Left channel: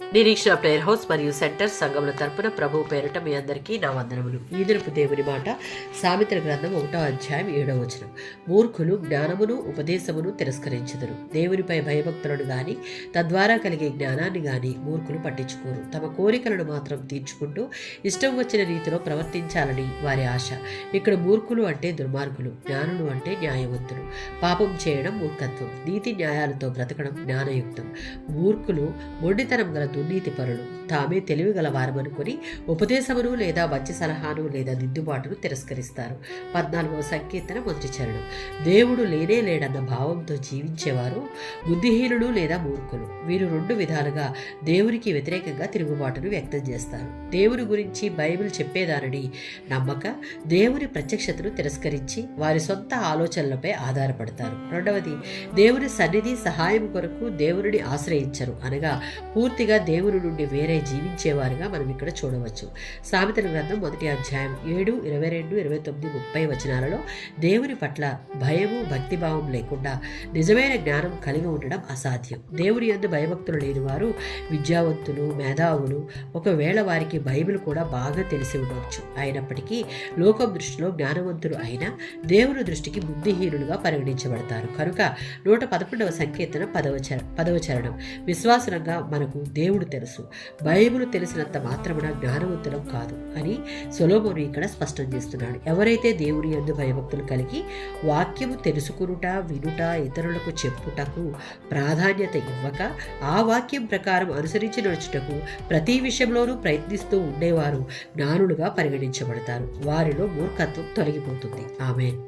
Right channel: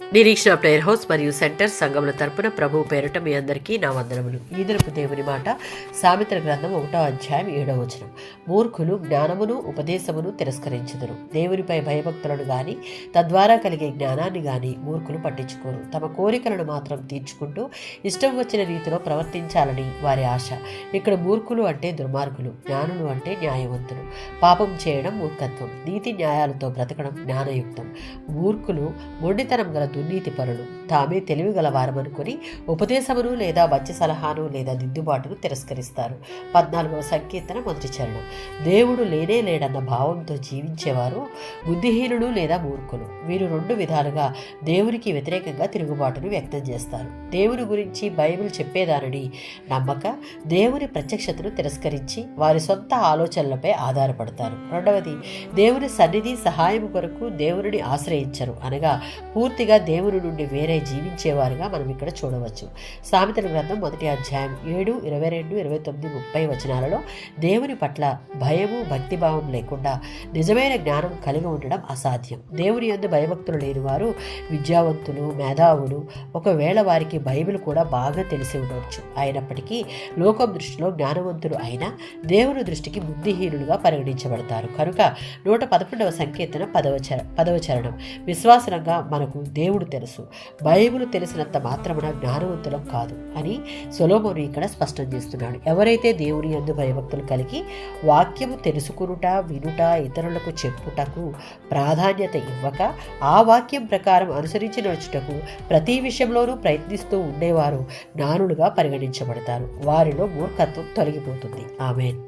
నిరీక్షణ prayer house మరియు centre సంఘముల తరపున ప్రభు పేరిట మీ అందరికీ నా వందనములు. ఈ దినపు దేవుని మాట సామెతల గ్రంథం 1వ అధ్యాయం 7వ వచనం. మూర్ఖులు జ్ఞానమును ఉపదేశమును తిరస్కరించుదురు. దేవునిపై భయభక్తులను గాని తద్వారా కలిగే జ్ఞానాన్ని గాని మూర్ఖులు పట్టించుకోరు. తమ కోరికలను మాత్రం తీర్చుకుంటూ ఇష్టం వచ్చిన రీతిలో ప్రవర్తించాలని వారి ఆశ. ఇక్కడ మూర్ఖులు అంటే దుర్మార్గులు, జ్ఞానులు అంటే న్యాయవంతులు. పాపం చేయడం మూర్ఖత్వం, నీతి న్యాయాలతో బ్రతకడం జ్ఞానయుక్తం. మూర్ఖులు మొండితనం గల దుర్నీతి పరులు, తామే తెలివి గల వారమనుకొని ఉపదేశమును లేదా వచ్చి సలహాను లేదా దిద్దుబాటును తిరస్కరిస్తారు. 14వ సంకీర్తన 1వ చరణం. దేవుడు లేనే లేడన్న భావంతో జీవించేవారు బుద్ధిహీనులు లేదా మూర్ఖులు. వీరు 2 విధాలుగా దేవునికి వ్యతిరేకంగా తిరుగుబాటును వ్యక్తం చేస్తారు. దేవుని గురించి బైబిల్ చెప్పేదానని నమ్మక దేవుని ప్రత్యక్షతను తిరస్కరించి వారి సొంత ఆలోచనలపై ఆధారపడతారు. 2వది, దేవుని సన్నిధి సహాయం కొరకు దేవుని ఆశ్రయించరు, అనగా పూర్తిగా దేవుని నుండి వేరే జీవించేవారుగా మనం ఇక్కడ చూడవచ్చు. సామెతల గ్రంథం 1వ అధ్యాయం 7, 22, 29, 30 వచనాలలో దేవుని పట్ల భయము భక్తిభావం లేకుండా నిజమైన జ్ఞానం కలిగి ఉండడం అసాధ్యం. దేవుని యందు భయభక్తులు లేని వారు విద్యావంతులు, మేధావులు, ఒకవేళ వారికి బైబిల్ కూడా బాగా తెలిసి ఉండవచ్చు. అయినప్పటికీ లోకం దృష్టిలో జ్ఞానవంతులు అయినా దేవుని దృష్టికి బుద్ధిహీనులుగా పరిగణించబడతారు. కనుక 111వ సంకీర్తన 10వ చరణం. విశ్వాసంగా మనకు దేవుడు తెలుసు, బైబిల్ తెలిసినంత మాత్రమున జ్ఞానవంతులం కాదు అని సొలొమోను ఇక్కడ స్పష్టం చేస్తున్నాడు. ఎవరైతే దేవుని యందు భయభక్తులు కలిగి వాక్యము తెలుసుకునుట, వినుట, ఇతరులకు చెప్పుటకు ప్రాధాన్యత ఇవ్వక ఆ వాక్యం ప్రకారం అనుసరించి నడుచుటకు ప్రతి విషయంలోనూ ప్రయత్నిస్తూ ఉండేవారు జ్ఞానులుగా పరిగణించబడతారు. వారిలో మూర్ఖత్వం తొలగిపోతుంది. ఆమేన్.